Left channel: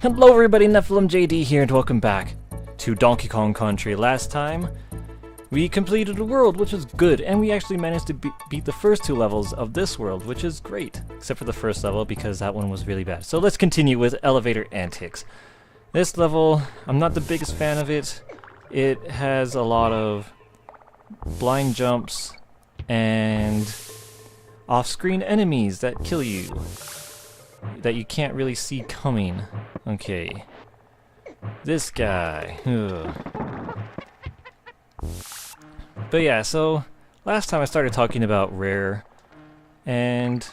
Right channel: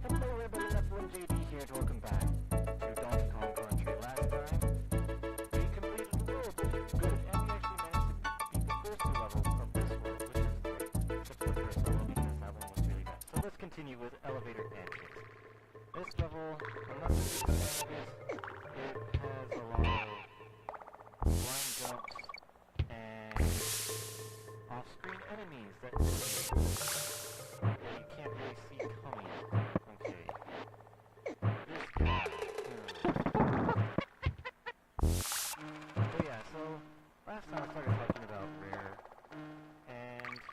Hello everybody, NephilimJD here, and welcome back to Donkey Kong Country. Last time, we completed the world, which was good, and we actually managed to beat the first two levels of this world, which is great. Except for the first level, because that one was really bad. So let's continue with elevator antics. This level, I'm not the biggest fan of it. It has a lot of blind jumps and off-screen enemies that kill you, that you can't really see coming. Okay. This guy. Ugh. But yeah, so last time I started talking about Rare and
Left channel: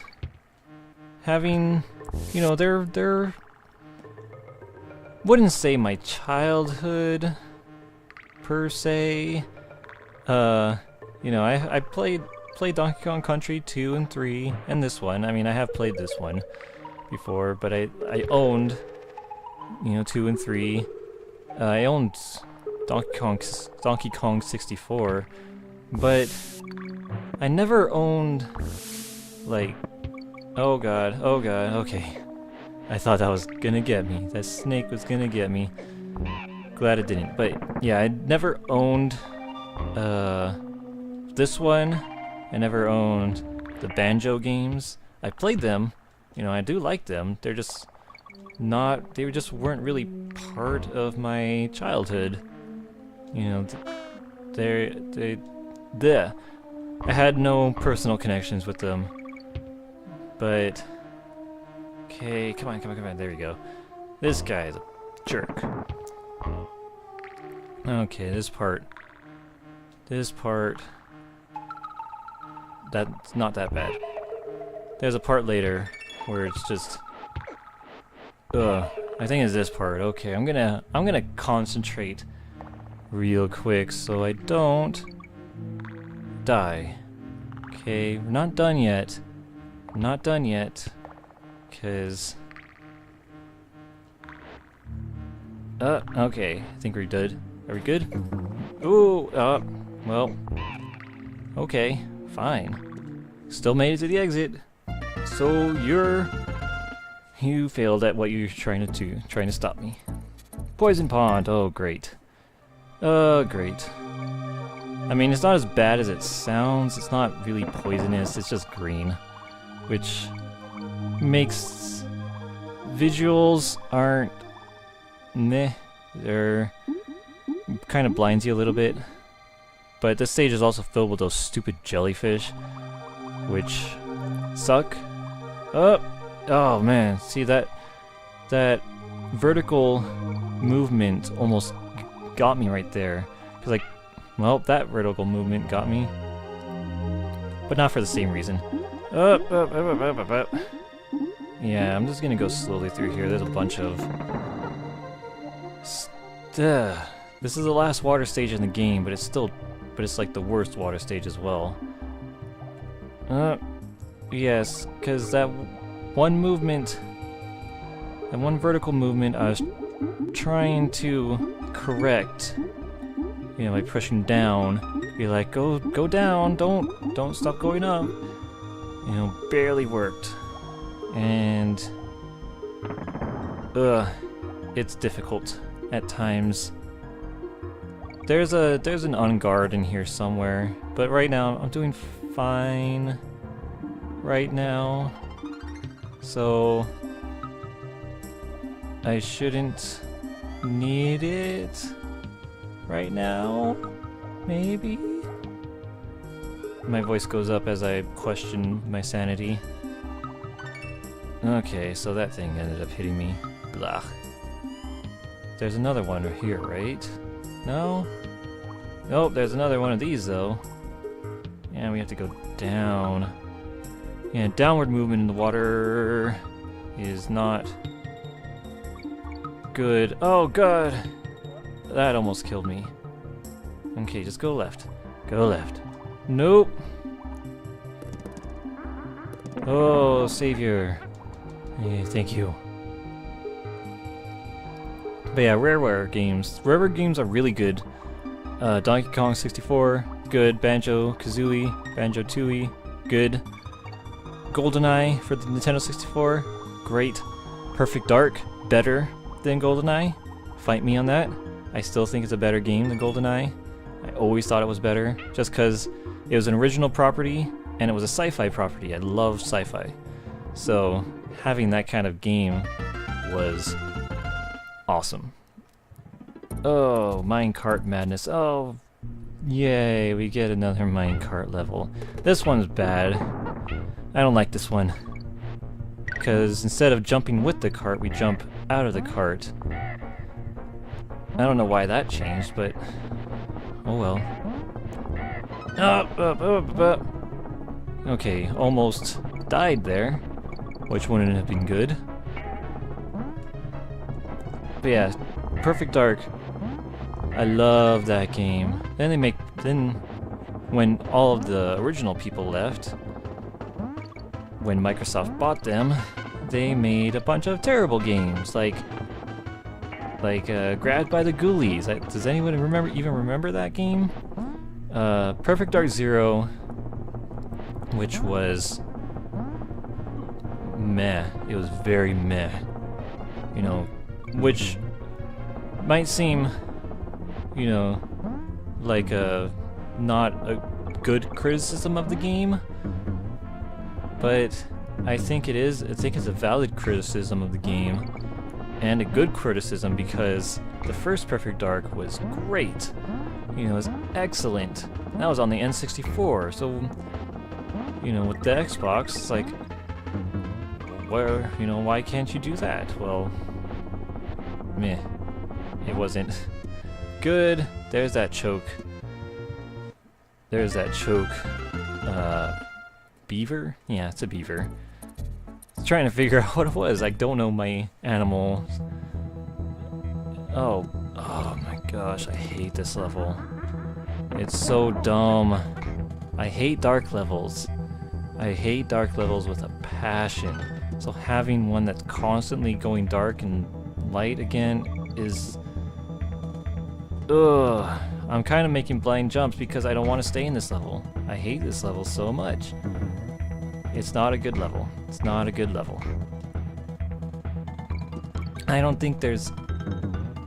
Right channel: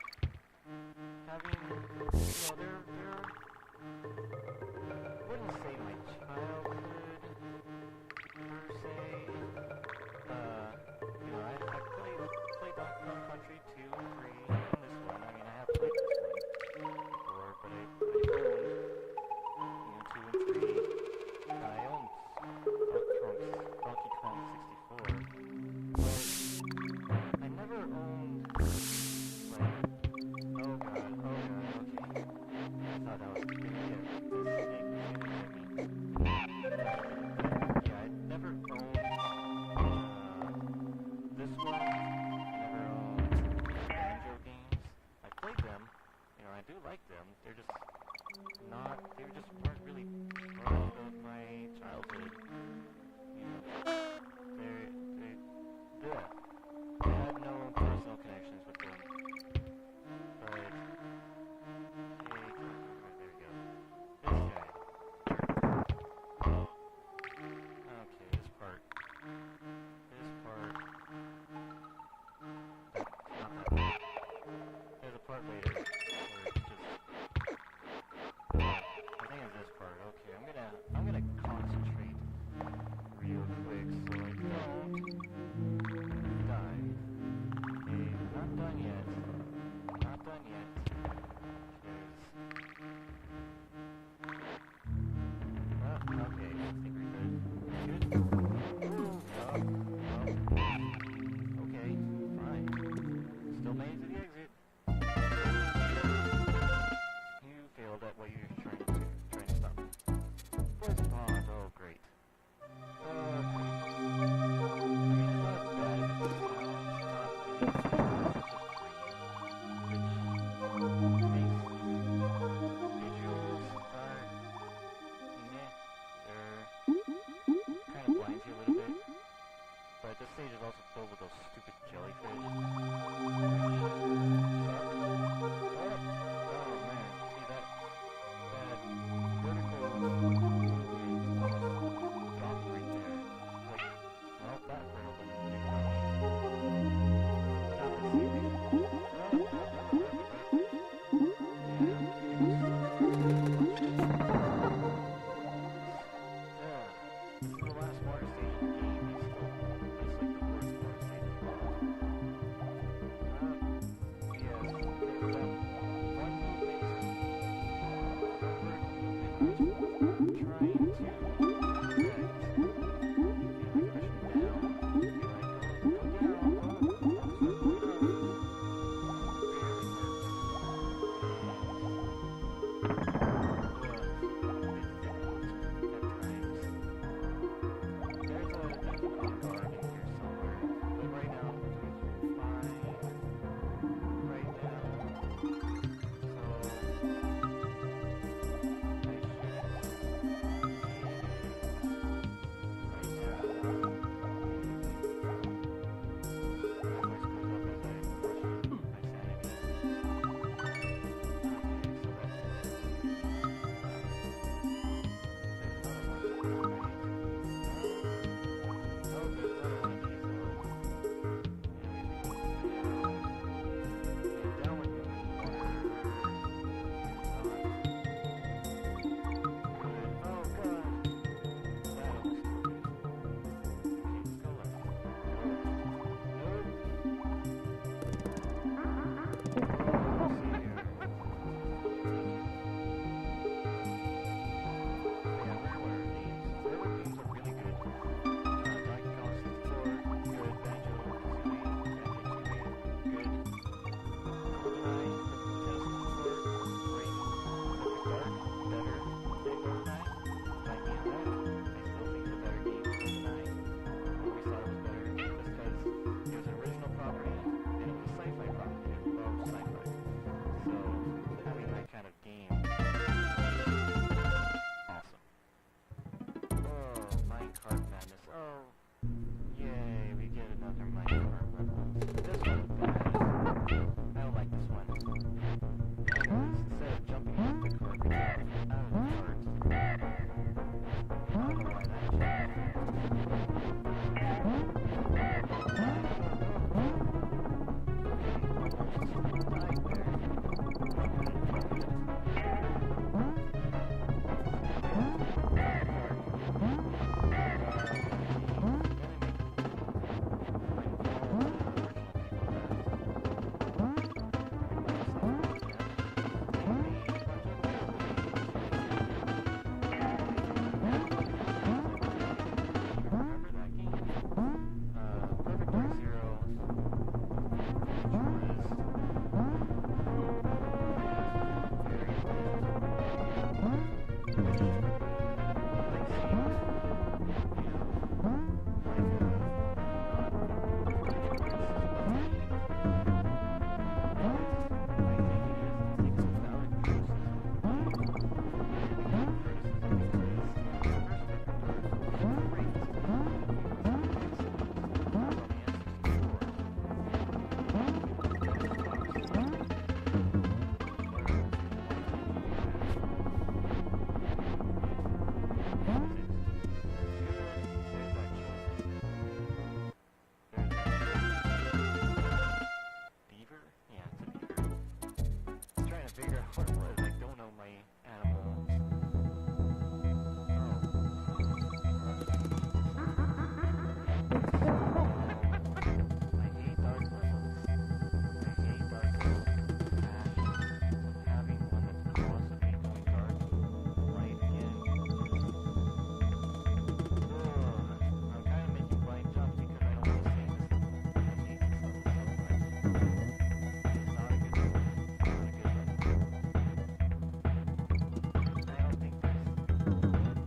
having, you know, they're wouldn't say my childhood per se. You know, I played Donkey Kong Country 2 and 3 and this one. I mean, I have played this one before, but I owned, you know, 2 and 3. I owned Donkey Kong 64, but I never owned, like, oh god, okay. I thought that was gonna get me. That snake was gonna get me. Glad it didn't. But yeah, I never owned this one. I never owned the Banjo games. I played them. You know, I do like them. They're just not, they just weren't really part of my childhood. You know, I had no personal connections with them. But, okay, come on, there we go. This guy is a jerk. Okay, this part, that's not that bad. There's a part later where it's just, I think it's this part. Okay, I'm gonna concentrate real quick so I don't die. Okay, we're not done yet. Cause okay, I think we're good. Are we good? Ooh, well, okay, fine. Still made it to the exit. So you failed at what you're trying to do, trying to stop me. Poison pond. Oh, great. Great. I mean, it's not as bad as it sounds. It's not really poisonous. It's just green, which makes visuals aren't meh. They're kind of blinds you a little bit. But this stage is also filled with those stupid jellyfish, which suck. Oh man, see that vertical movement almost got me right there. Cause like, well, that vertical movement got me, but not for the same reason. Yeah, I'm just gonna go slowly through here. There's a bunch of this is the last water stage in the game, but it's like the worst water stage as well. Yes, because that one movement, that one vertical movement I was trying to correct, you know, by pushing down, be like, go down, don't stop going up, you know, barely worked, and, it's difficult at times. There's an on-guard in here somewhere, but right now I'm doing fine right now, so I shouldn't need it right now, maybe? My voice goes up as I question my sanity. Okay, so that thing ended up hitting me. Blah. There's another one here, right? No? Nope, there's another one of these though. And we have to go down. And downward movement in the water is not good. Oh god! That almost killed me. Okay, just go left. Go left. Nope! Oh, savior. Yeah, thank you. But yeah, Rareware games. Rareware games are really good. Donkey Kong 64, good. Banjo-Kazooie, Banjo-Tooie, good. GoldenEye for the Nintendo 64, great. Perfect Dark, better. than GoldenEye. Fight me on that. I still think it's a better game than GoldenEye. I always thought it was better, just because it was an original property, and it was a sci-fi property. I love sci-fi. So, having that kind of game was awesome. Oh, minecart madness. Oh, yay, we get another minecart level. This one's bad. I don't like this one. Because instead of jumping with the cart, we jump out of the cart. I don't know why that changed, but oh well. Okay, almost died there, which wouldn't have been good. But yeah, Perfect Dark. I love that game. Then when all of the original people left, when Microsoft bought them, they made a bunch of terrible games, like Grabbed by the Ghoulies. Does anyone even remember that game? Perfect Dark Zero, which was meh. It was very meh. You know, which might seem, you know, like not a good criticism of the game, but I think it is. I think it's a valid criticism of the game, and a good criticism, because the first Perfect Dark was great. You know, it was excellent. That was on the N64, so, you know, with the Xbox, it's like, where, you know, why can't you do that? Well, meh. It wasn't good. There's that choke. There's that choke. Beaver? Yeah, it's a beaver. Trying to figure out what it was. I don't know my animals. Oh my gosh, I hate this level. It's so dumb. I hate dark levels. I hate dark levels with a passion. So having one that's constantly going dark and light again is... Ugh. I'm kind of making blind jumps because I don't want to stay in this level. I hate this level so much. It's not a good level. It's not a good level. I don't think there's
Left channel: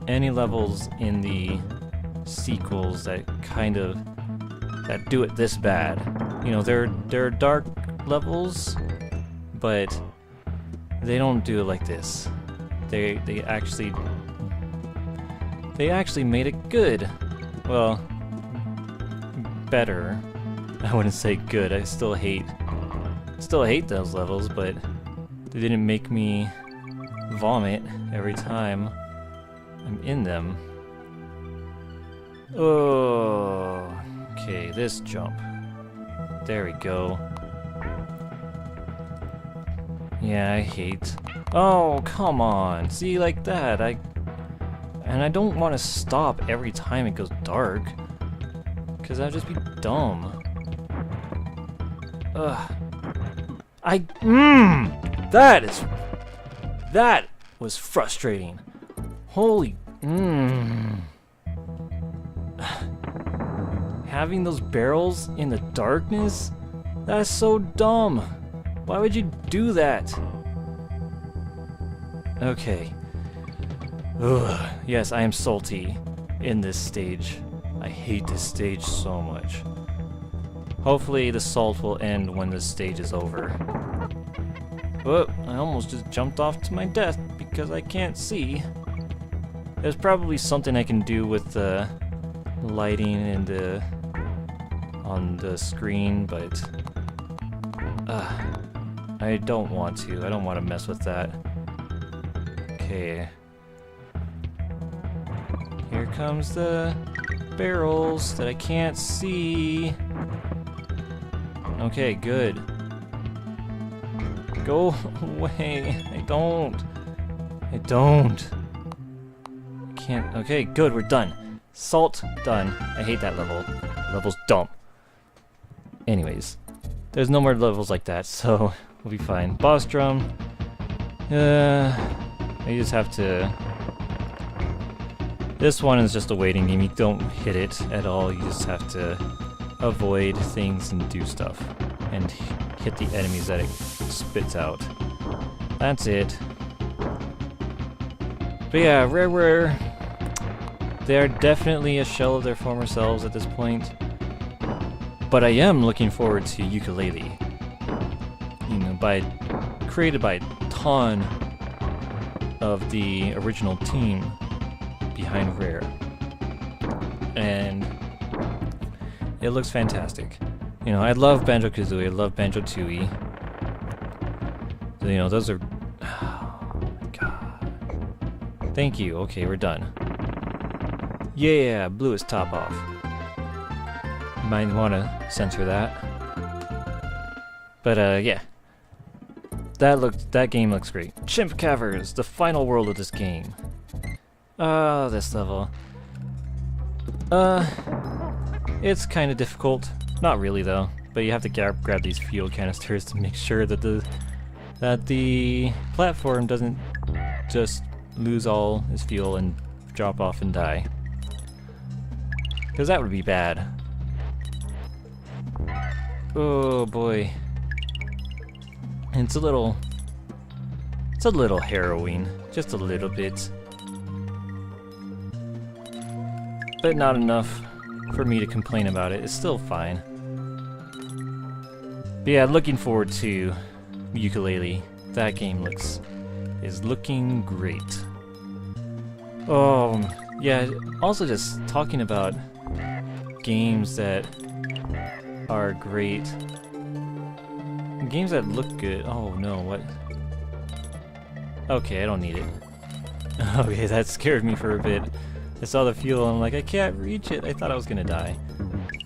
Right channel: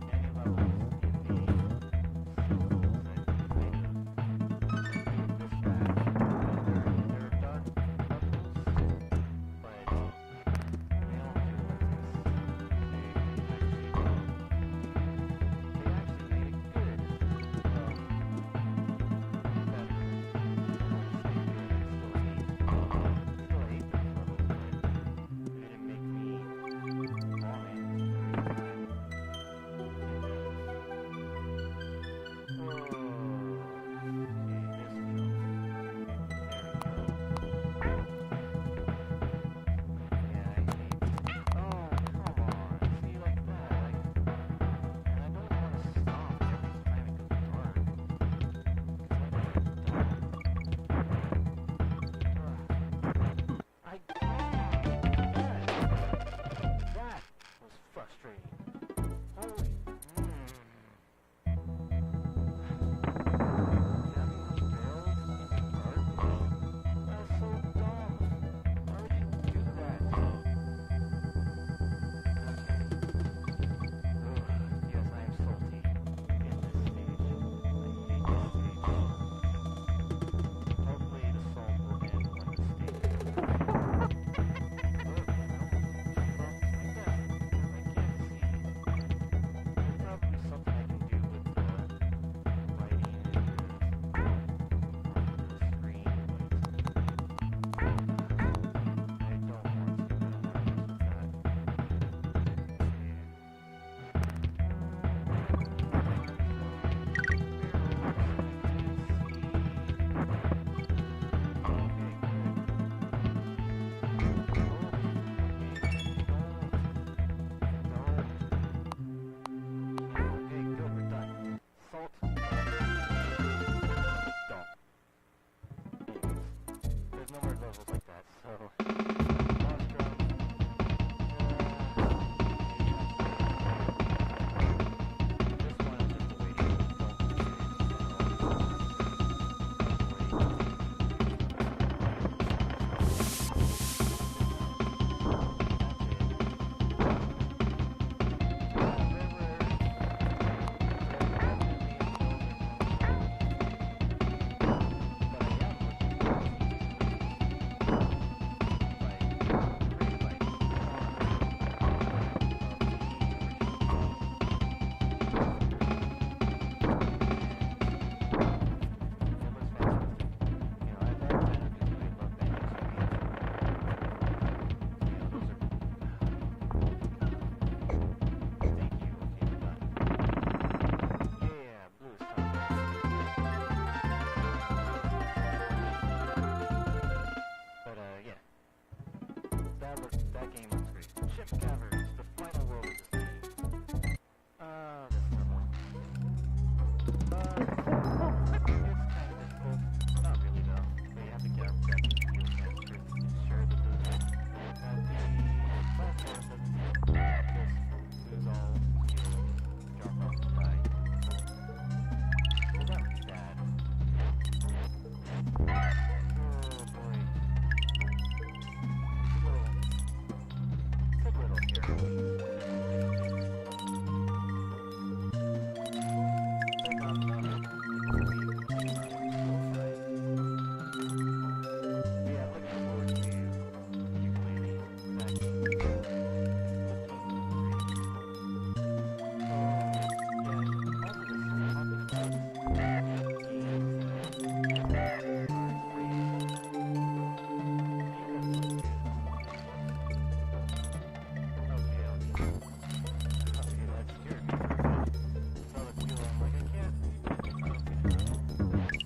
any levels in the sequels that do it this bad. You know, there are dark levels, but they don't do it like this. They actually made it good. Well, better. I wouldn't say good. I still hate those levels, but they didn't make me vomit every time I'm in them. Oh, okay, this jump. There we go. Yeah, I hate. Oh, come on. See, like that. And I don't want to stop every time it goes dark, because that'd just be dumb. Ugh. That was frustrating. Holy, Having those barrels in the darkness? That's so dumb. Why would you do that? Okay. Ugh. Yes, I am salty in this stage. I hate this stage so much. Hopefully the salt will end when this stage is over. Oh, I almost just jumped off to my death because I can't see. There's probably something I can do with the lighting and on the screen, but I don't want to. I don't want to mess with that. Okay. Here comes the barrels that I can't see. Okay, good. Go away. I don't. Can't. Okay, good. We're done. Salt, done. I hate that level. Level's dumb. Anyways, there's no more levels like that, so we'll be fine. Boss drum. You just have to... This one is just a waiting game. You don't hit it at all. You just have to avoid things and do stuff. And hit the enemies that it spits out. That's it. But yeah, Rareware, they're definitely a shell of their former selves at this point. But I am looking forward to Ukulele. You know, created by a ton of the original team behind Rare. And it looks fantastic. You know, I love Banjo-Kazooie, I love Banjo-Tooie. You know, those are... Oh, God. Thank you. Okay, we're done. Yeah, blew his top off. Might want to censor that. But, yeah. That game looks great. Chimp Cavers, the final world of this game. Oh, this level. It's kind of difficult. Not really, though. But you have to grab these fuel canisters to make sure that the platform doesn't just lose all its fuel and drop off and die. Because that would be bad. Oh boy. And it's a little harrowing. Just a little bit. But not enough for me to complain about it. It's still fine. But yeah, looking forward to Ukulele. That game is looking great. Yeah, also just talking about games that are great. Games that look good. Oh no, what? Okay, I don't need it. Okay, that scared me for a bit. I saw the fuel and I'm like, I can't reach it. I thought I was gonna die.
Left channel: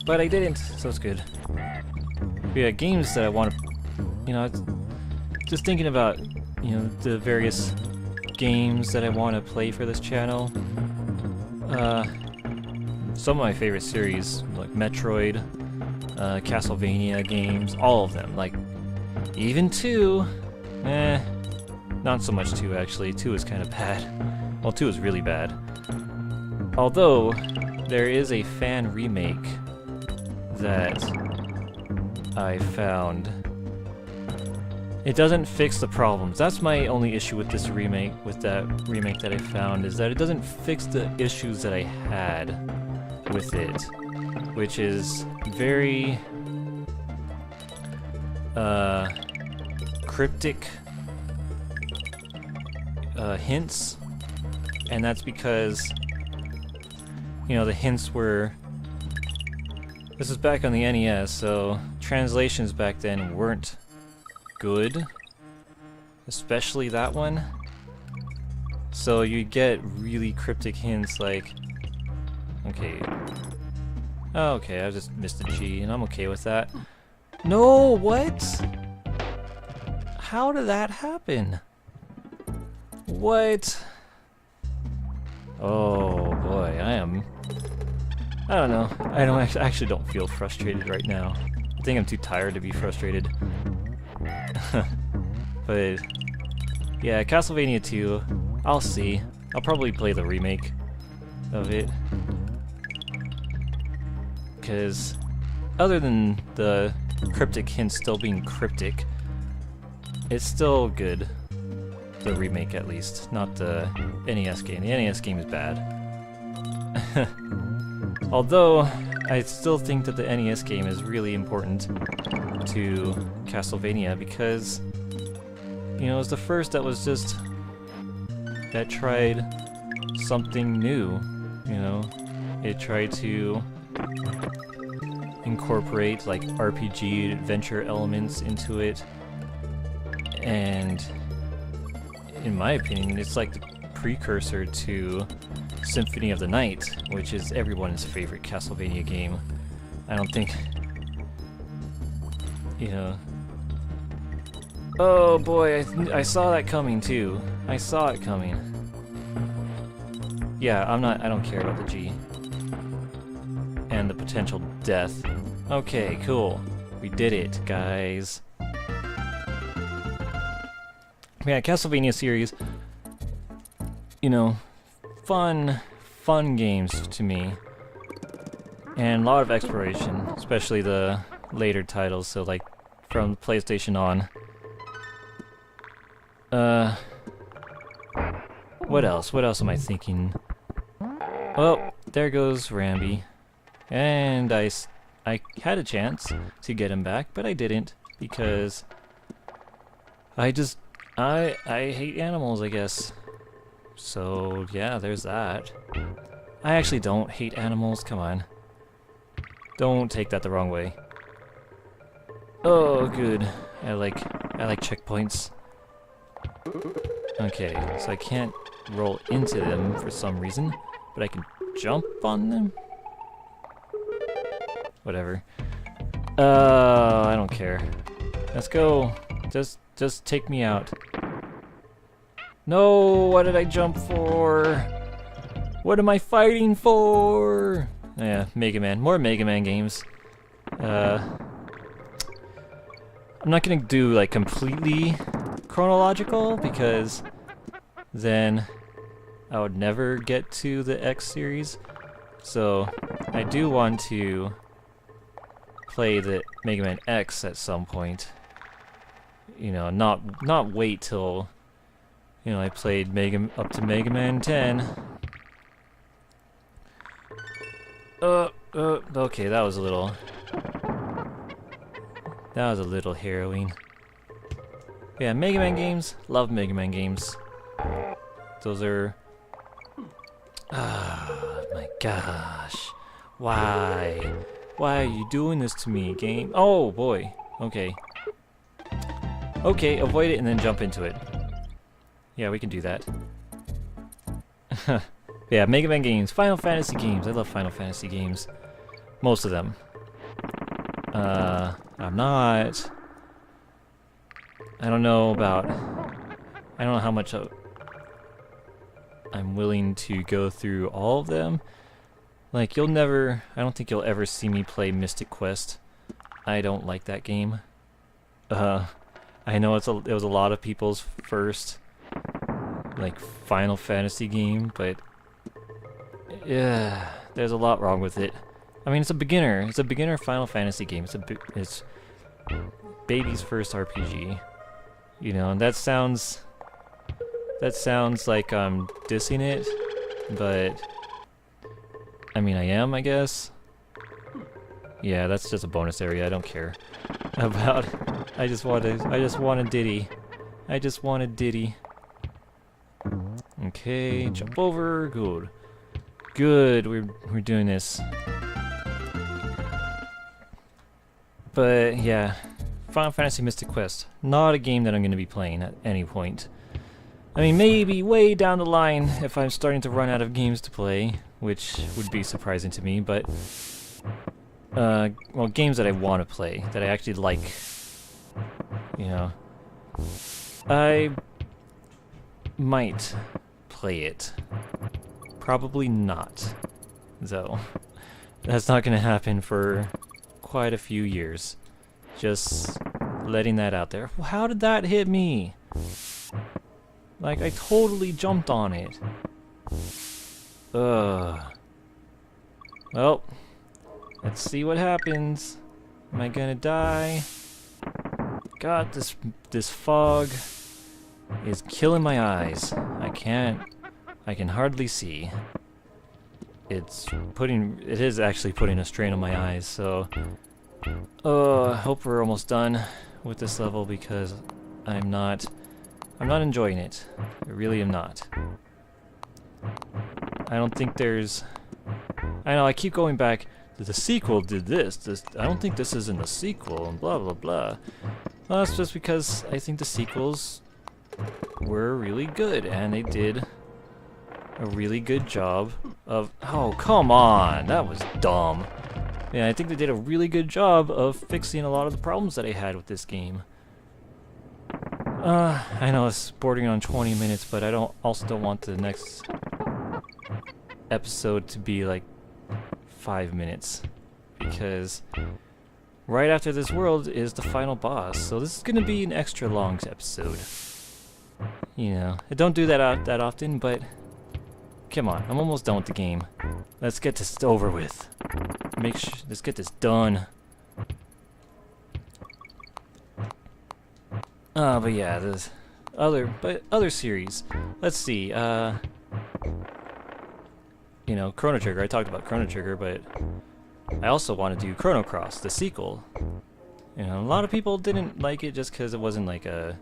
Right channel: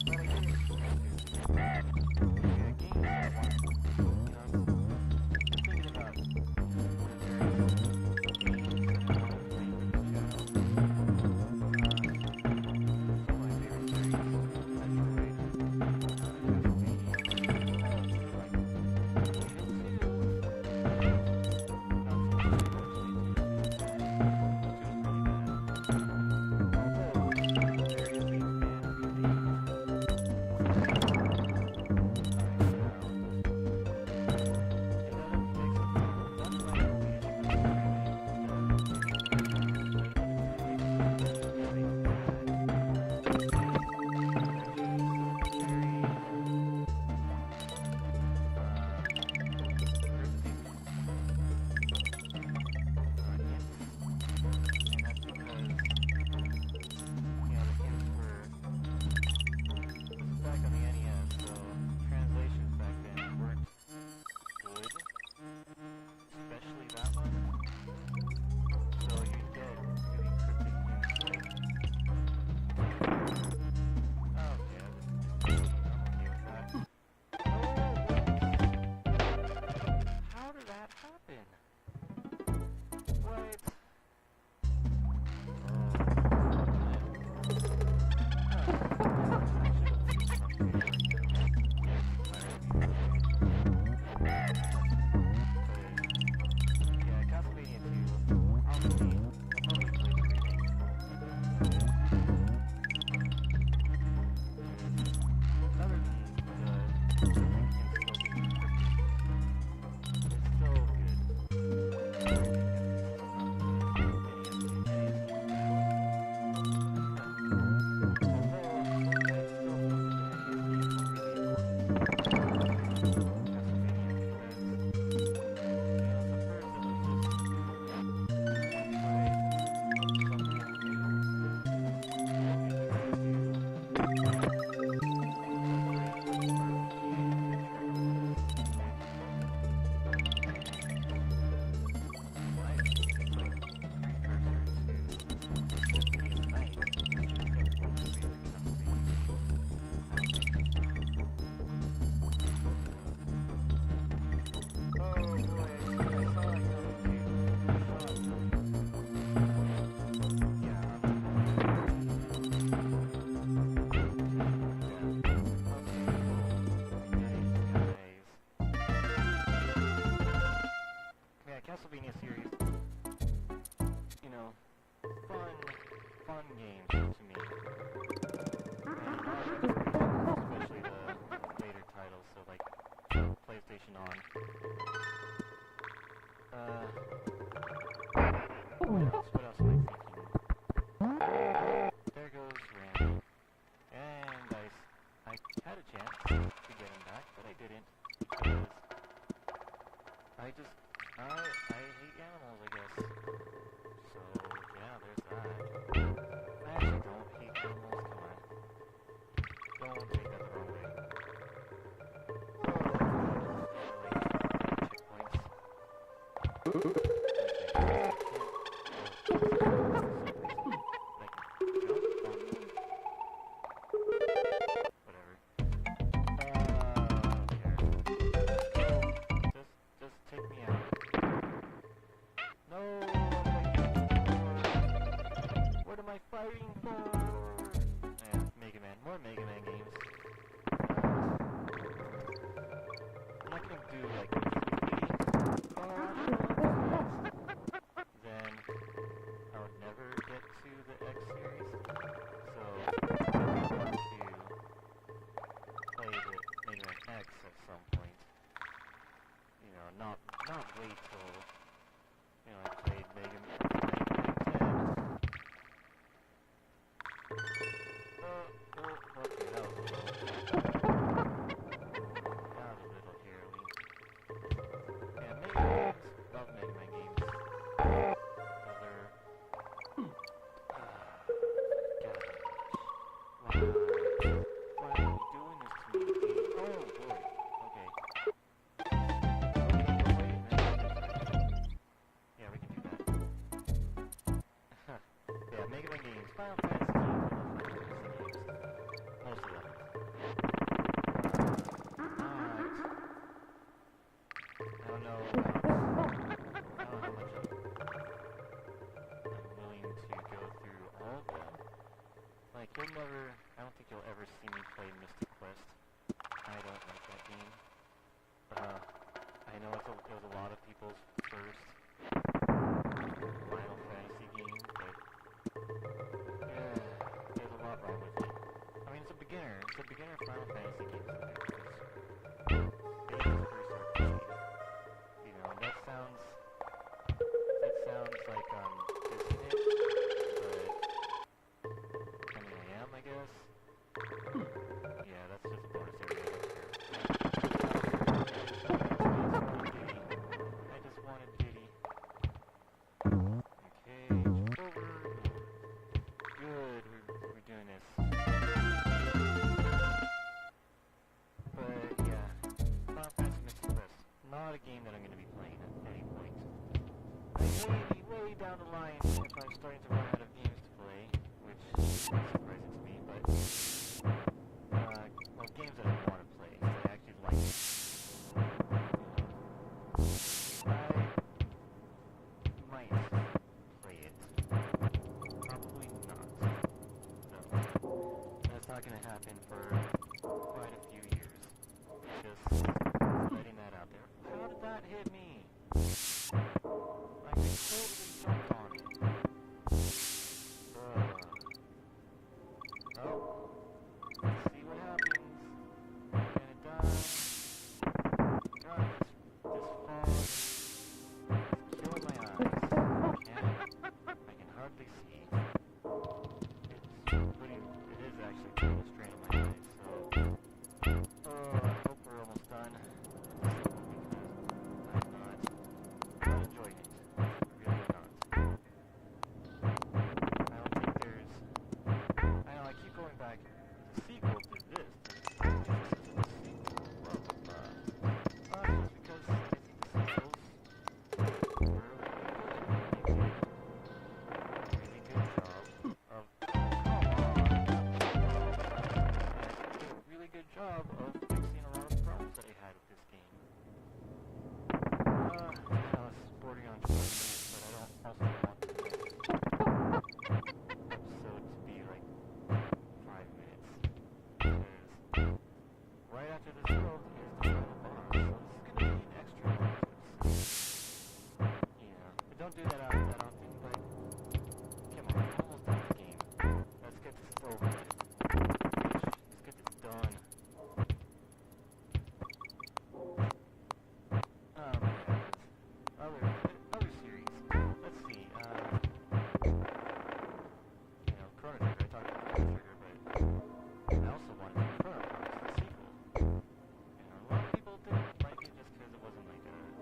But I didn't, so it's good. But yeah, games that I want to, you know, just thinking about, you know, the various games that I want to play for this channel. Some of my favorite series, like Metroid, Castlevania games, all of them. Like, even 2, not so much 2 actually. 2 is kind of bad. Well, 2 is really bad. Although, there is a fan remake that I found. It doesn't fix the problems. That's my only issue with this remake, with that remake that I found, is that it doesn't fix the issues that I had with it, which is very cryptic hints, and that's because, you know, the hints were... This is back on the NES, so translations back then weren't good, especially that one. So you get really cryptic hints like, okay, I just missed a G, and I'm okay with that. No, what? How did that happen? What? Oh boy, I don't know. I actually don't feel frustrated right now. I think I'm too tired to be frustrated. But yeah, Castlevania 2, I'll see. I'll probably play the remake of it. Because other than the cryptic hints still being cryptic, it's still good. The remake at least, not the NES game. The NES game is bad. Although, I still think that the NES game is really important to Castlevania because, you know, it was the first that tried something new, you know? It tried to incorporate, like, RPG adventure elements into it, and in my opinion, it's like the precursor to Symphony of the Night, which is everyone's favorite Castlevania game. I don't think, you know... Oh boy, I saw that coming too. I saw it coming. Yeah, I don't care about the G. And the potential death. Okay, cool. We did it, guys. Yeah, Castlevania series, you know, fun games to me. And a lot of exploration, especially the later titles, so like from PlayStation on. What else? What else am I thinking? Oh, there goes Rambi. And I had a chance to get him back, but I didn't because I hate animals, I guess. So, yeah, there's that. I actually don't hate animals, come on. Don't take that the wrong way. Oh, good. I like checkpoints. Okay, so I can't roll into them for some reason, but I can jump on them? Whatever. I don't care. Let's go. Just take me out. No, what did I jump for? What am I fighting for? Yeah, Mega Man. More Mega Man games. I'm not gonna do like completely chronological because then I would never get to the X series. So I do want to play the Mega Man X at some point. You know, not wait till, you know, I played up to Mega Man 10. Okay, that was a little harrowing. Yeah, Mega Man games, love Mega Man games. Those are, my gosh. Why are you doing this to me, game? Oh boy, okay. Okay, avoid it and then jump into it. Yeah, we can do that. Yeah, Mega Man games, Final Fantasy games. I love Final Fantasy games. Most of them. I don't know how much I'm willing to go through all of them. Like, I don't think you'll ever see me play Mystic Quest. I don't like that game. I know it was a lot of people's first, like, Final Fantasy game, but yeah, there's a lot wrong with it. I mean, it's a beginner Final Fantasy game. It's baby's first RPG. You know, and that sounds like I'm dissing it, but I mean, I am, I guess. Yeah, that's just a bonus area. I don't care about. I just want a Diddy. I just want a Diddy. Okay, jump over. Good. Good. We're doing this. But yeah, Final Fantasy Mystic Quest. Not a game that I'm going to be playing at any point. I mean, maybe way down the line if I'm starting to run out of games to play, which would be surprising to me, but well, games that I want to play, that I actually like, you know, I might play it. Probably not, though. That's not going to happen for quite a few years. Just letting that out there. How did that hit me? Like, I totally jumped on it. Ugh. Well, let's see what happens. Am I gonna die? God, this fog is killing my eyes. I can hardly see. It is actually putting a strain on my eyes, so I hope we're almost done with this level because I'm not enjoying it. I really am not. I don't think there's... I know, I keep going back, the sequel did this, I don't think this is in the sequel, and blah blah blah. Well, that's just because I think the sequels were really good, and they did a really good job of... Oh, come on! That was dumb. Yeah, I think they did a really good job of fixing a lot of the problems that I had with this game. I know it's bordering on 20 minutes, but I also don't want the next episode to be like 5 minutes, because right after this world is the final boss, so this is gonna be an extra long episode. You know, I don't do that often, but come on, I'm almost done with the game. Let's get this over with. Let's get this done. But yeah, there's other series. Let's see. know, Chrono Trigger. I talked about Chrono Trigger, but I also want to do Chrono Cross, the sequel. You know, a lot of people didn't like it just because it wasn't like a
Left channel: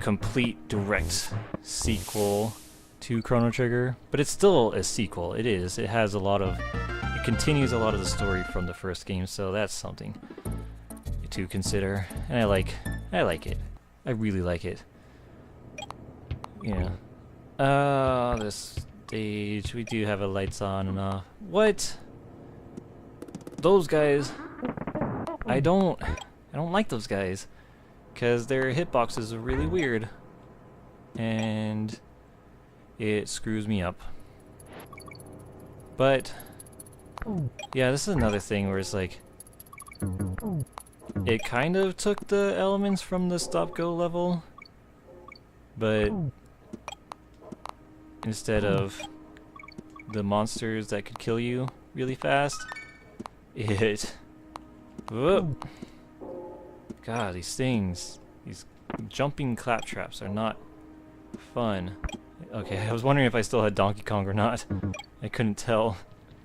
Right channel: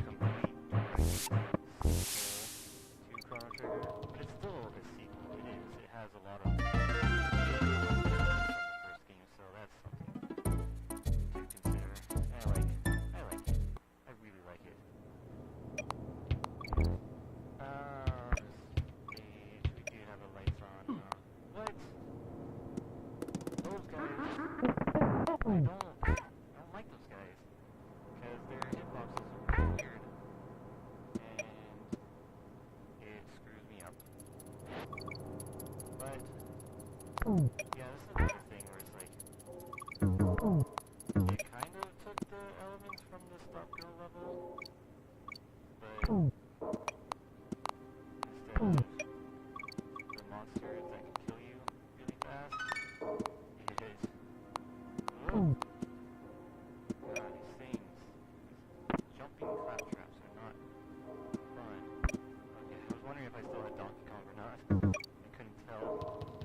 complete direct sequel to Chrono Trigger, but it's still a sequel. It is. It has a lot of, it continues a lot of the story from the first game, so that's something to consider. And I like it. I really like it. Yeah. This stage, we do have a lights on and off. What? Those guys. I don't like those guys, because their hitboxes are really weird, and it screws me up. But yeah, this is another thing where it's like, it kind of took the elements from the stop-go level, but instead of the monsters that could kill you really fast, it... Whoa. God, these things, these jumping claptraps are not fun. Okay, I was wondering if I still had Donkey Kong or not. I couldn't tell,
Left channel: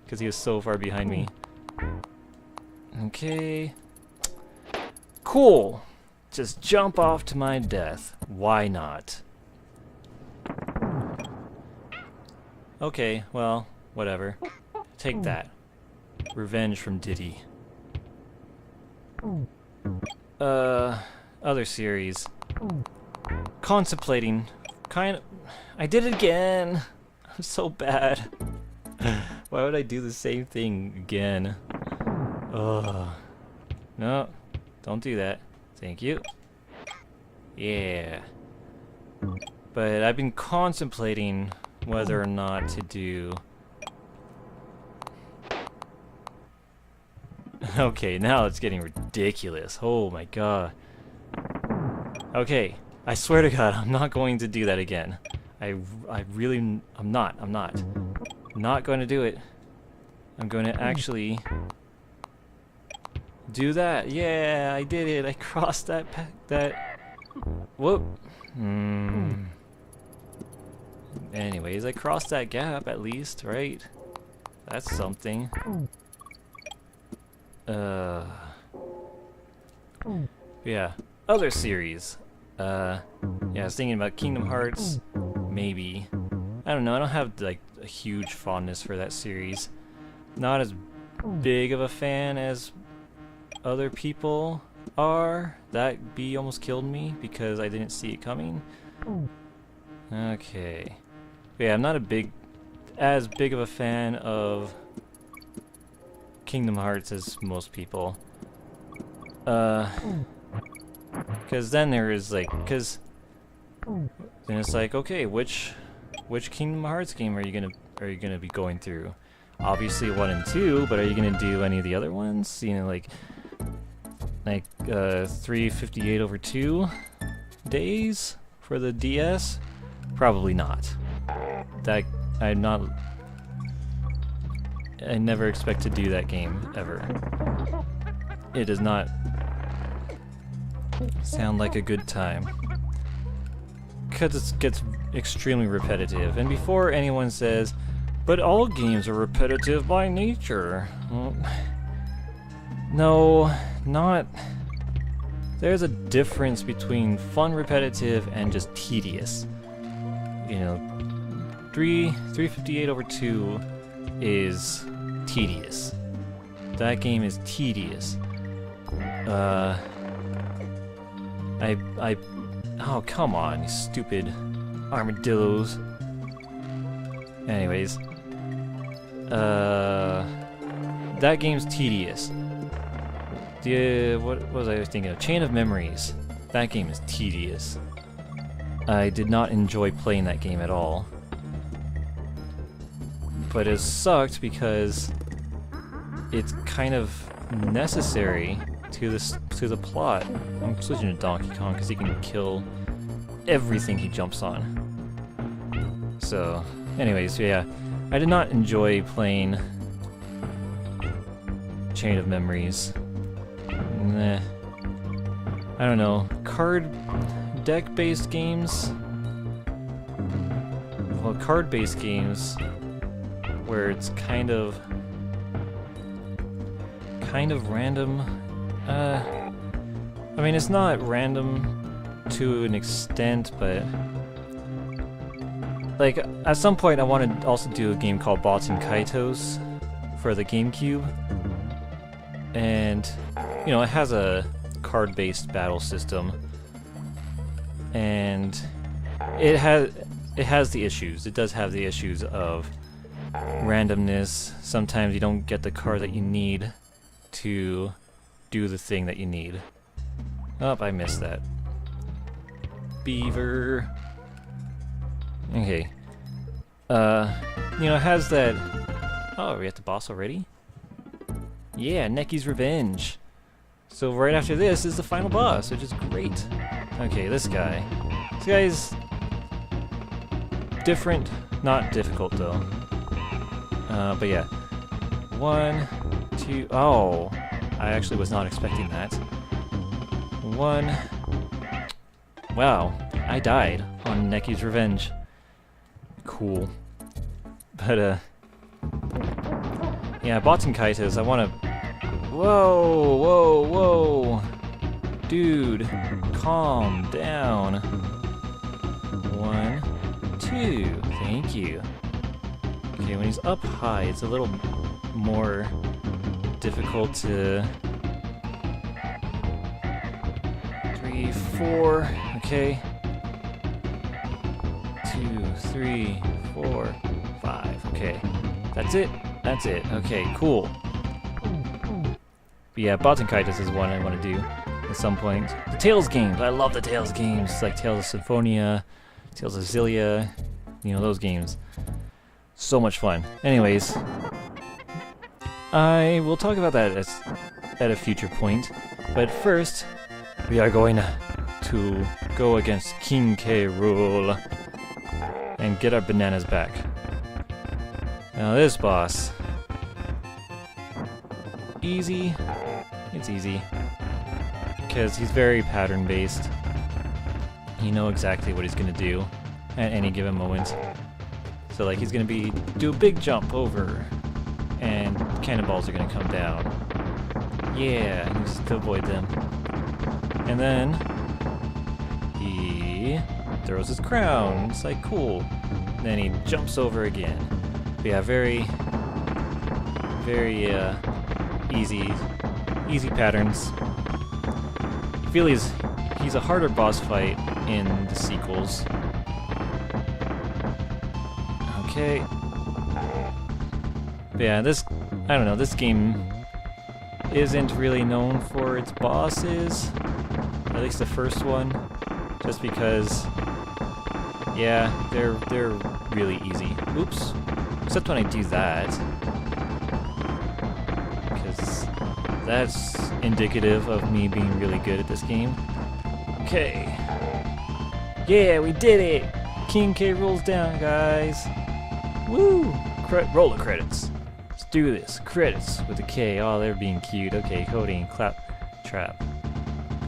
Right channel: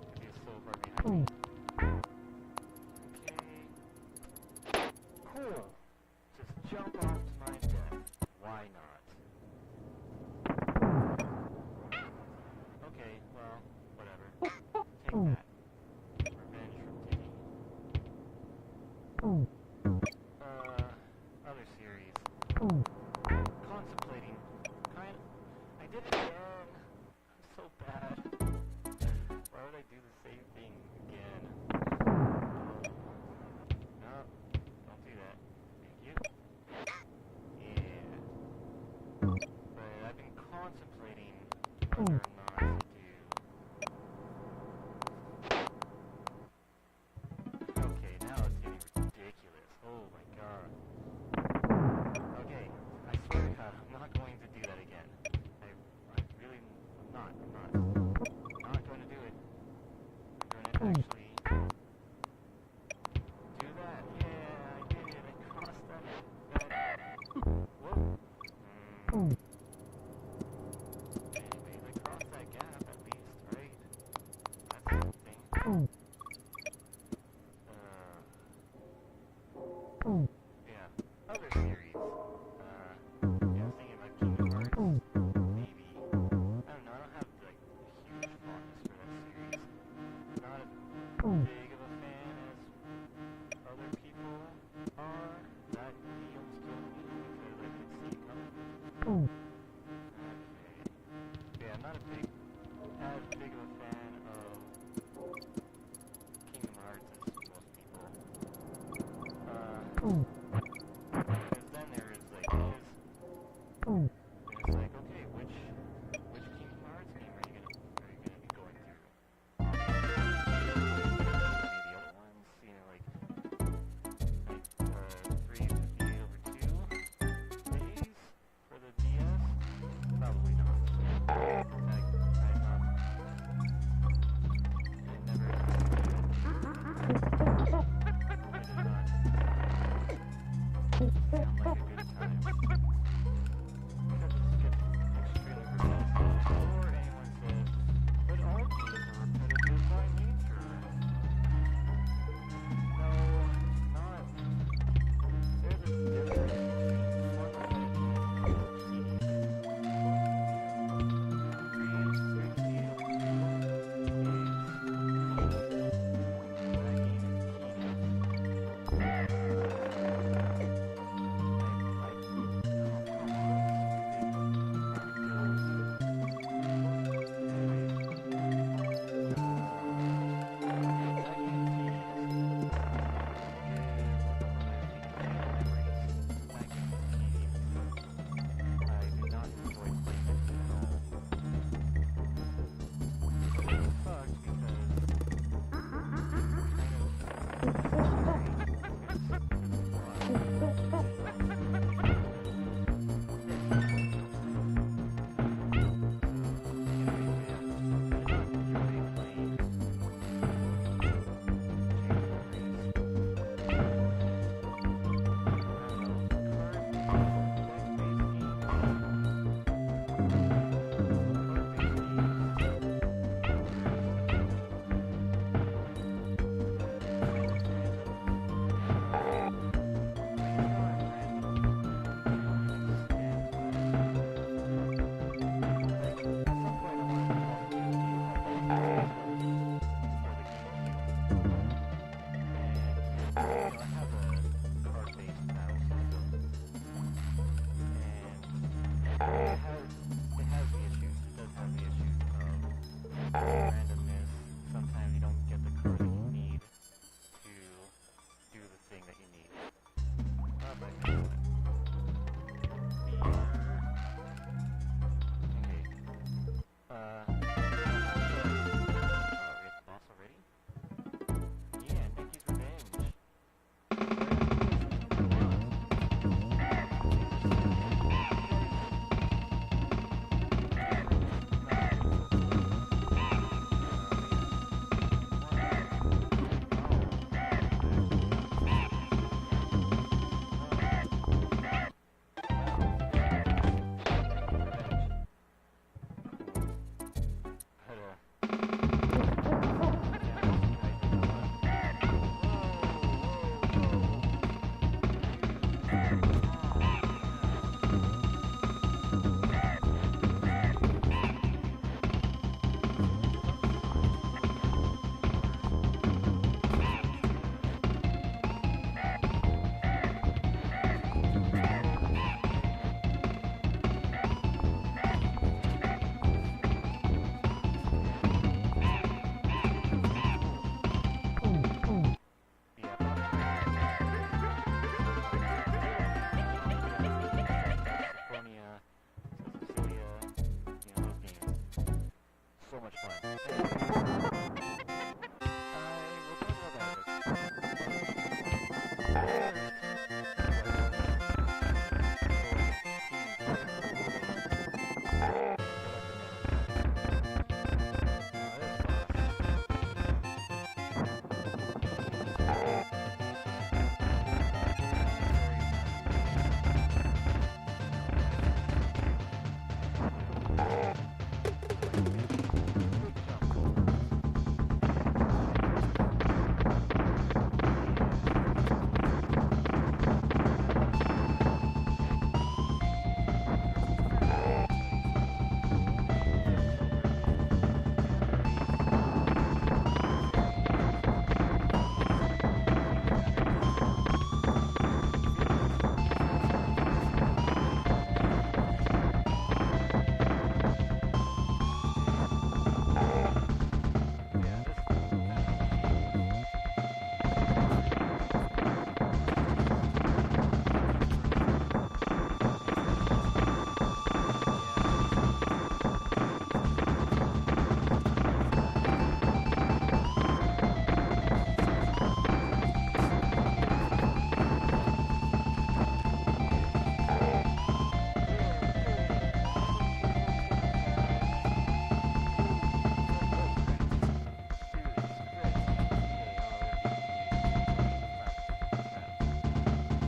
because he was so far behind me. Okay. Cool! Just jump off to my death. Why not? Okay, well, whatever. Take that. Revenge from Diddy. Other series. Contemplating. I did it again! I'm so bad. Why would I do the same thing again? Ugh. No, don't do that. Thank you. Yeah. But I've been contemplating whether or not to do... Okay, now it's getting ridiculous. Oh my god. Okay, I swear to god, I'm not going to do that again. I'm not going to do it. I'm going to actually do that. Yeah, I did it. I crossed that whoop. Anyways, I crossed that gap at least, right? That's something. Yeah, other series. Yeah, I was thinking about Kingdom Hearts, maybe. I don't know, I don't have like a huge fondness for that series. Not as big of a fan as other people are. That bee almost killed me because I didn't see it coming. Okay. But yeah, I'm not as big of a fan of Kingdom Hearts as most people. Because then there is like, then it's like, okay, which Kingdom Hearts game are you gonna be going through? Obviously 1 and 2, but are you gonna do any of the other ones? You know, like 358/2 days for the DS? Probably not. That I never expect to do that game ever. It does not sound like a good time, because it gets extremely repetitive. And before anyone says, but all games are repetitive by nature, well, no, not. There's a difference between fun repetitive and just tedious. You know, 358/2 is tedious. That game is tedious. Oh, come on, you stupid armadillos. Anyways, that game's tedious. What was I thinking of? Chain of Memories. That game is tedious. I did not enjoy playing that game at all. But it sucked because it's kind of necessary to the plot. I'm switching to Donkey Kong because he can kill everything he jumps on. So, anyways, yeah, I did not enjoy playing Chain of Memories. Nah. I don't know, card deck-based games. Well, card-based games where it's kind of random. I mean, it's not random to an extent, but like at some point I want to also do a game called Bots and Kaitos for the GameCube, and you know, it has a card-based battle system, and it has the issues. It does have the issues of randomness. Sometimes you don't get the card that you need to do the thing that you need. Oh, I missed that. Beaver. Okay. You know, it has that... Oh, are we at the boss already? Yeah, Necky's Revenge. So right after this is the final boss, which is great. Okay, this guy. This guy's different, not difficult though. But yeah. 1, 2... Oh! I actually was not expecting that. 1... Wow, I died on Necky's Revenge. Cool. But, yeah, Bots and Kaitos, I wanna... Whoa, whoa, whoa! Dude, calm down. 1, 2, thank you. Okay, when he's up high, it's a little more difficult to... 3, 4, okay. 2, 3, 4, 5, okay. That's it, that's it, okay, cool. But yeah, Bots and Kaitos is one I want to do at some point. The Tales games, I love the Tales games, like Tales of Symphonia, Tales of Xillia, you know, those games. So much fun. Anyways, I will talk about that at a future point, but first, we are going to go against King K. Rool and get our bananas back. Now this boss, easy. It's easy because he's very pattern based. You know exactly what he's gonna do at any given moment. So like he's gonna do a big jump over, and cannonballs are gonna come down. Yeah, just to avoid them. And then he throws his crown. It's like cool. And then he jumps over again. But yeah, very easy patterns. I feel he's a harder boss fight in the sequels. Okay. But yeah, I don't know, this game isn't really known for its bosses, at least the first one, just because, yeah, they're really easy. Oops. Except when I do that. Because that's indicative of me being really good at this game. Okay. Yeah, we did it! King K rolls down, guys. Woo! Roll the credits. Let's do this. Credits with a K. Oh, they're being cute. Okay, coding, clap, trap.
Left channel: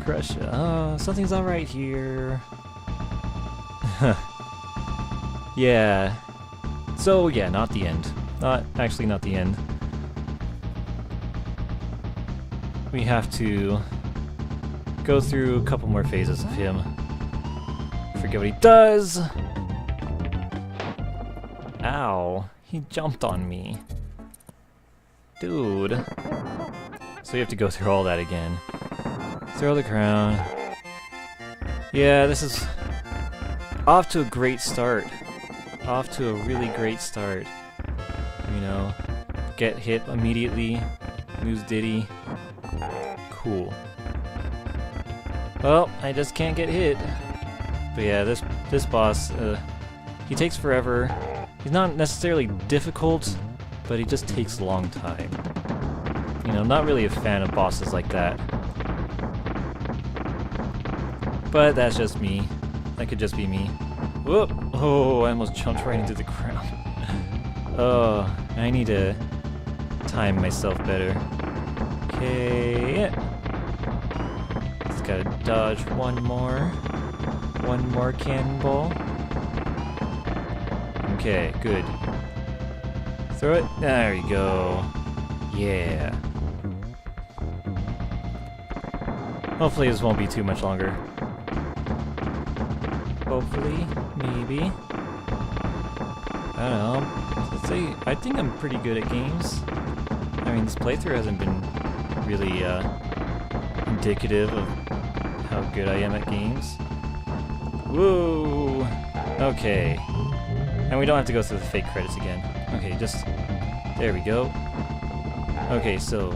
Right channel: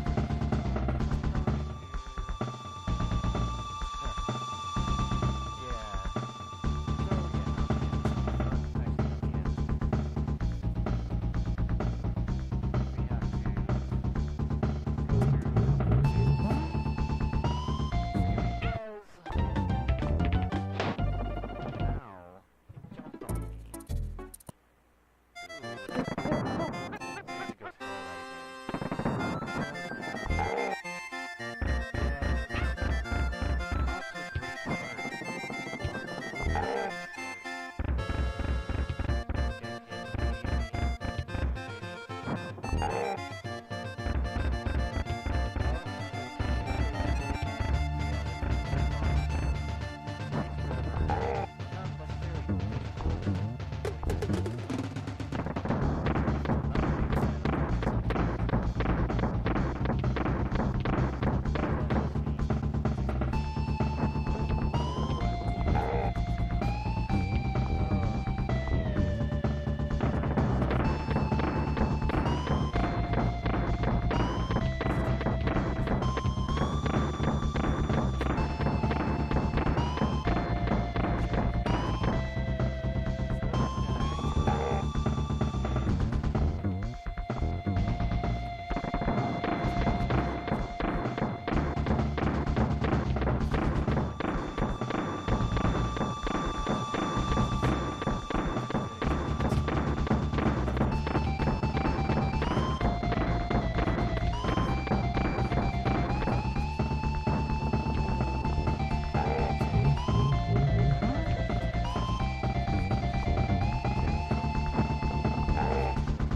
Crush. Oh, something's alright here. Yeah. So, yeah, not the end. Actually, not the end. We have to go through a couple more phases of him. Forget what he does! Ow. He jumped on me. Dude. So we have to go through all that again. Throw the crown. Yeah, this is off to a great start. Off to a really great start. You know, get hit immediately, use Diddy. Cool. Well, I just can't get hit. But yeah, this boss, he takes forever. He's not necessarily difficult, but he just takes a long time. You know, I'm not really a fan of bosses like that. But that's just me. That could just be me. Whoop! Oh, I almost jumped right into the ground. Oh, I need to time myself better. Okay. Just gotta dodge one more cannonball. Okay, good. Throw it. There you go. Yeah. Hopefully this won't be too much longer. Hopefully. Maybe. I don't know. Let's see. I think I'm pretty good at games. I mean, this playthrough hasn't been really indicative of how good I am at games. Woo! Okay. And we don't have to go through the fake credits again. Okay, just... There we go. Okay, so...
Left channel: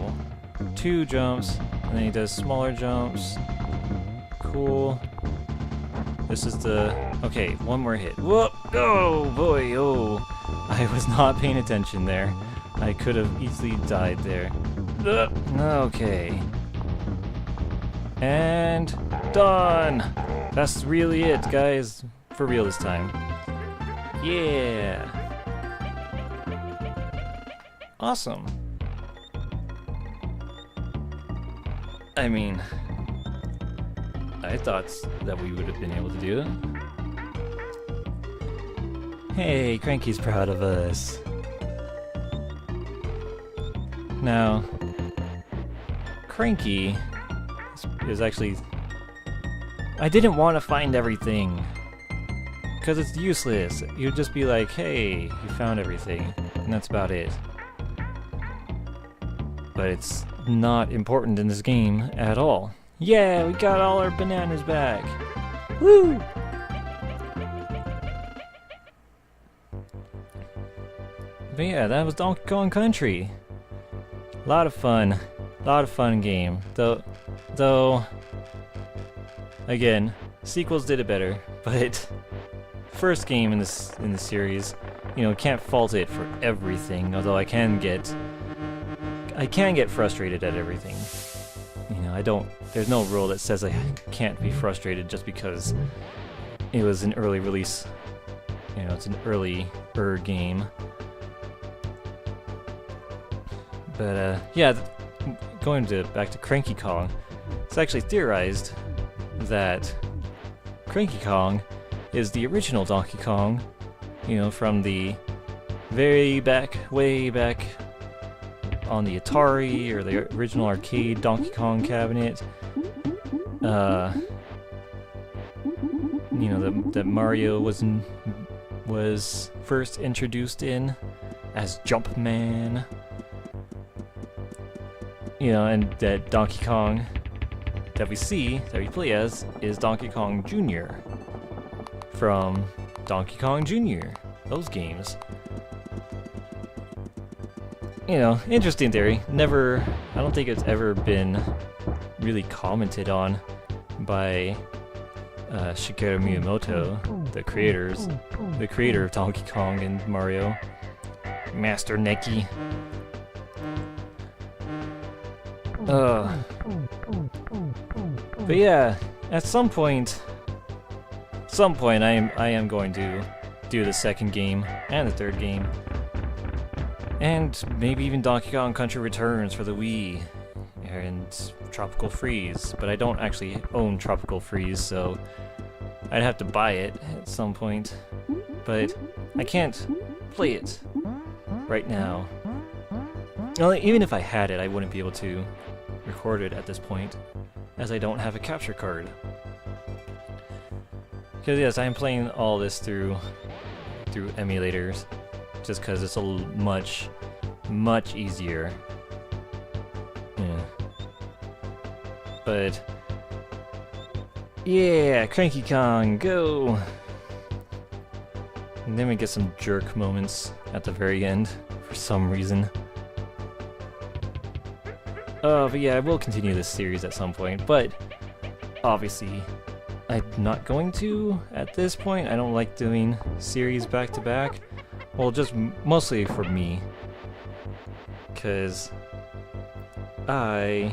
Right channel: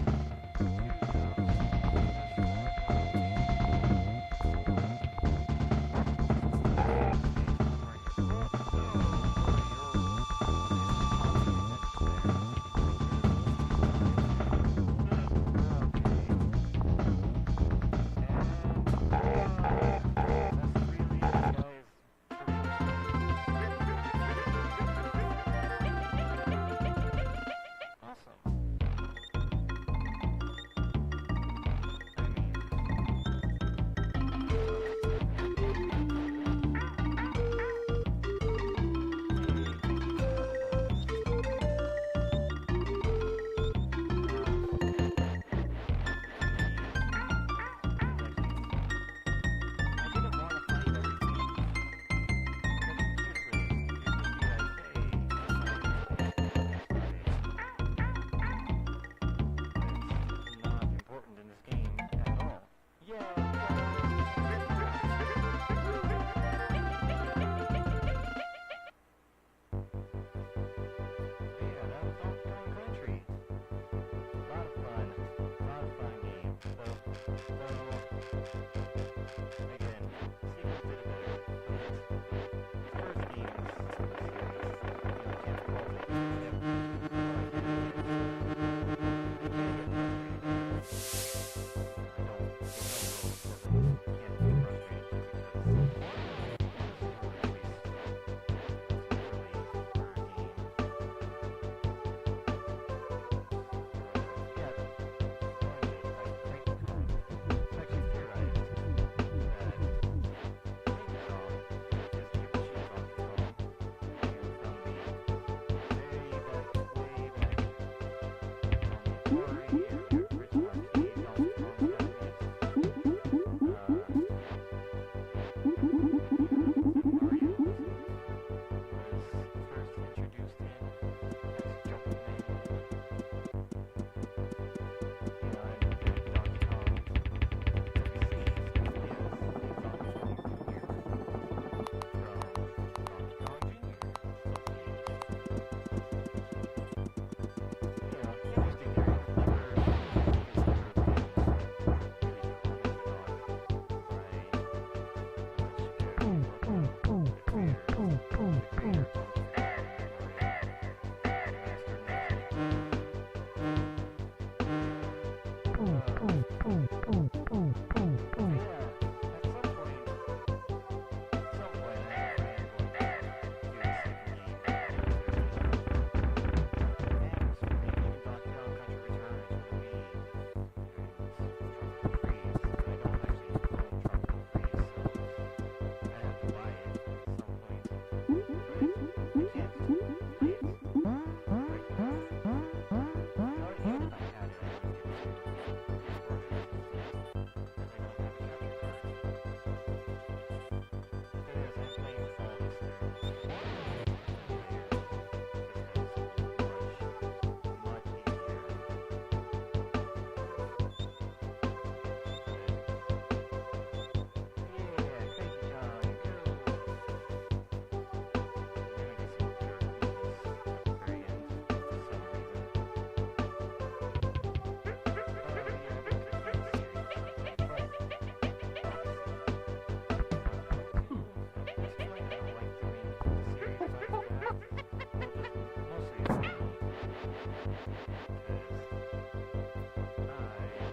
2 jumps, and then he does smaller jumps. Cool. This is the... Okay, 1 more hit. Whoa! Oh, boy, oh! I was not paying attention there. I could have easily died there. Okay. And... done! That's really it, guys. For real this time. Yeah! Awesome. I mean, I thought that we would have been able to do it. Hey, Cranky's proud of us. Now, Cranky is actually... I didn't want to find everything, because it's useless. You'd just be like, hey, you found everything, and that's about it. But it's not important in this game at all. Yeah, we got all our bananas back. Woo! But yeah, that was Donkey Kong Country. A lot of fun game. Though, again, sequels did it better. But first game in this series, you know, can't fault it for everything. Although I can get frustrated at everything. You know, there's no rule that says I can't be frustrated just because it was an early release. You know, it's an earlier game. But, yeah, going back to Cranky Kong, it's actually theorized that Cranky Kong is the original Donkey Kong, you know, from the way back on the Atari or the original arcade Donkey Kong cabinet. You know, that Mario was first introduced in as Jumpman. You know, and that Donkey Kong that we play as, is Donkey Kong Jr. from Donkey Kong Jr. Those games. You know, interesting theory. I don't think it's ever been really commented on by Shigeru Miyamoto, the creator of Donkey Kong and Mario, Master Neki. But yeah, at some point I am going to do the second game and the third game. And maybe even Donkey Kong Country Returns for the Wii and Tropical Freeze, but I don't actually own Tropical Freeze, so I'd have to buy it at some point. But I can't play it right now. Well, even if I had it, I wouldn't be able to record it at this point, as I don't have a capture card. Because yes, I'm playing all this through emulators, just because it's much easier. But yeah, Cranky Kong, go! And then we get some jerk moments at the very end for some reason. But yeah, I will continue this series at some point, but obviously I'm not going to at this point. I don't like doing series back to back. Well, just mostly for me, because I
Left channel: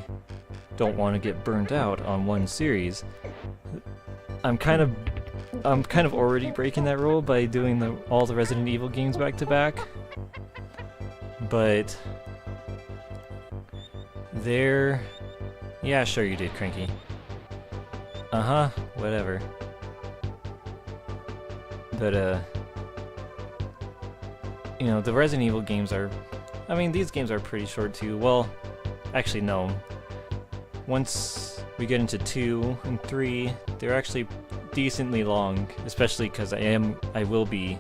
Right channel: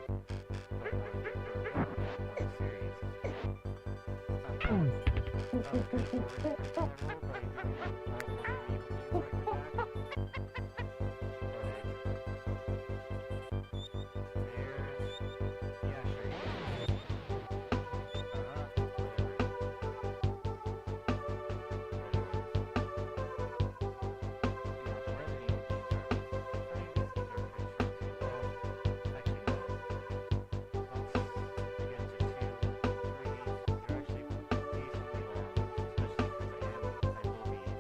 don't want to get burnt out on one series. I'm kind of already breaking that rule by doing all the Resident Evil games back to back, but yeah, sure you did, Cranky. Whatever. But you know, the Resident Evil games are, I mean, these games are pretty short too. Well, actually no. Once we get into 2 and 3, they're actually decently long, especially because I will be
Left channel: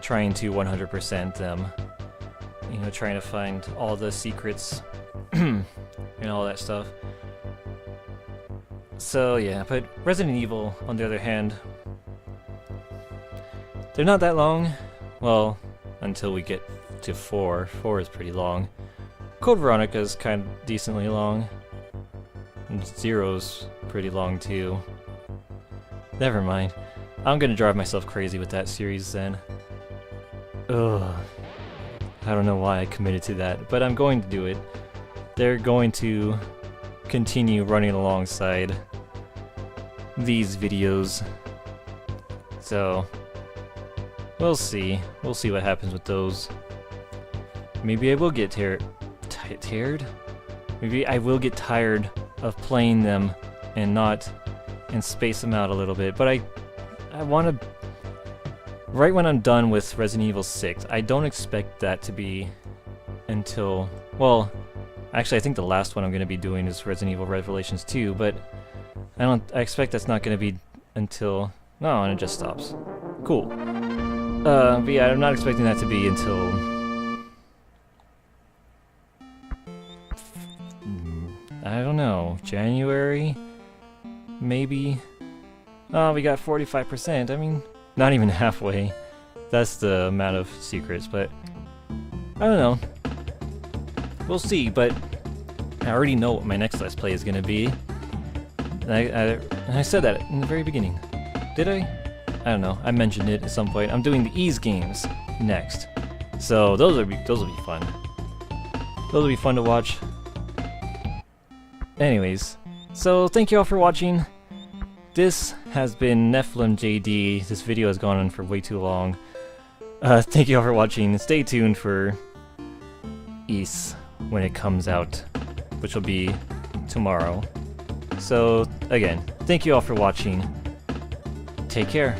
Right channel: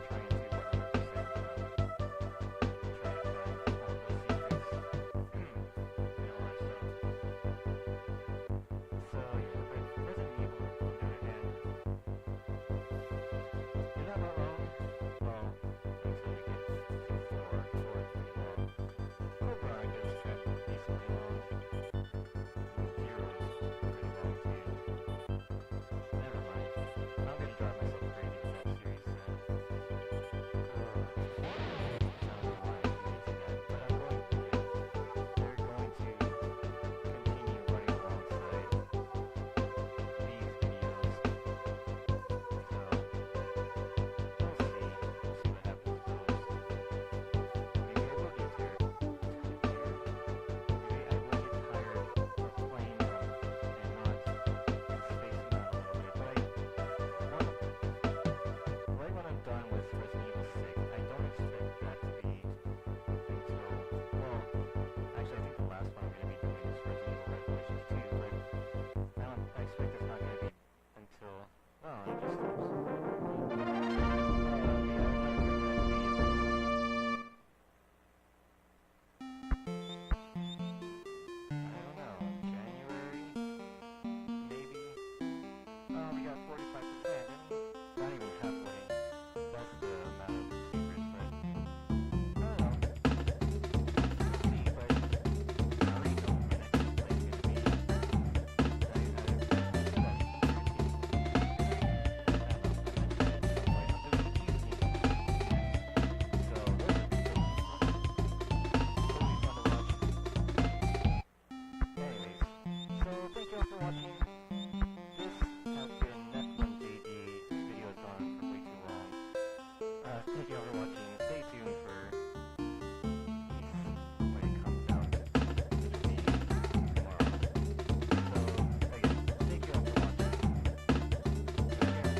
trying to 100% them. You know, trying to find all the secrets and all that stuff. So yeah, but Resident Evil, on the other hand, they're not that long. Well, until we get to 4. 4 is pretty long. Code Veronica is kind of decently long. And 0's pretty long too. Never mind. I'm gonna drive myself crazy with that series then. Ugh. I don't know why I committed to that, but I'm going to do it. They're going to continue running alongside these videos. So, we'll see. We'll see what happens with those. Maybe I will get tired? Maybe I will get tired of playing them and space them out a little bit. But I want to... Right when I'm done with Resident Evil 6, I don't expect that to be until... Well, actually I think the last one I'm going to be doing is Resident Evil Revelations 2, but I expect that's not going to be until... No, and it just stops. Cool. But yeah, I'm not expecting that to be until... I don't know, January? Maybe? Oh, we got 45%, I mean, not even halfway. That's the amount of secrets, but... I don't know. We'll see, but... I already know what my next Let's Play is gonna be. And I said that in the very beginning. Did I? I don't know. I mentioned it at some point. I'm doing the Ease games next. So those will be fun. Those will be fun to watch. Anyways, so thank you all for watching. This has been NephilimJD. This video has gone on for way too long. Thank you all for watching. Stay tuned for Ease when it comes out, which will be tomorrow. So again, thank you all for watching. Take care.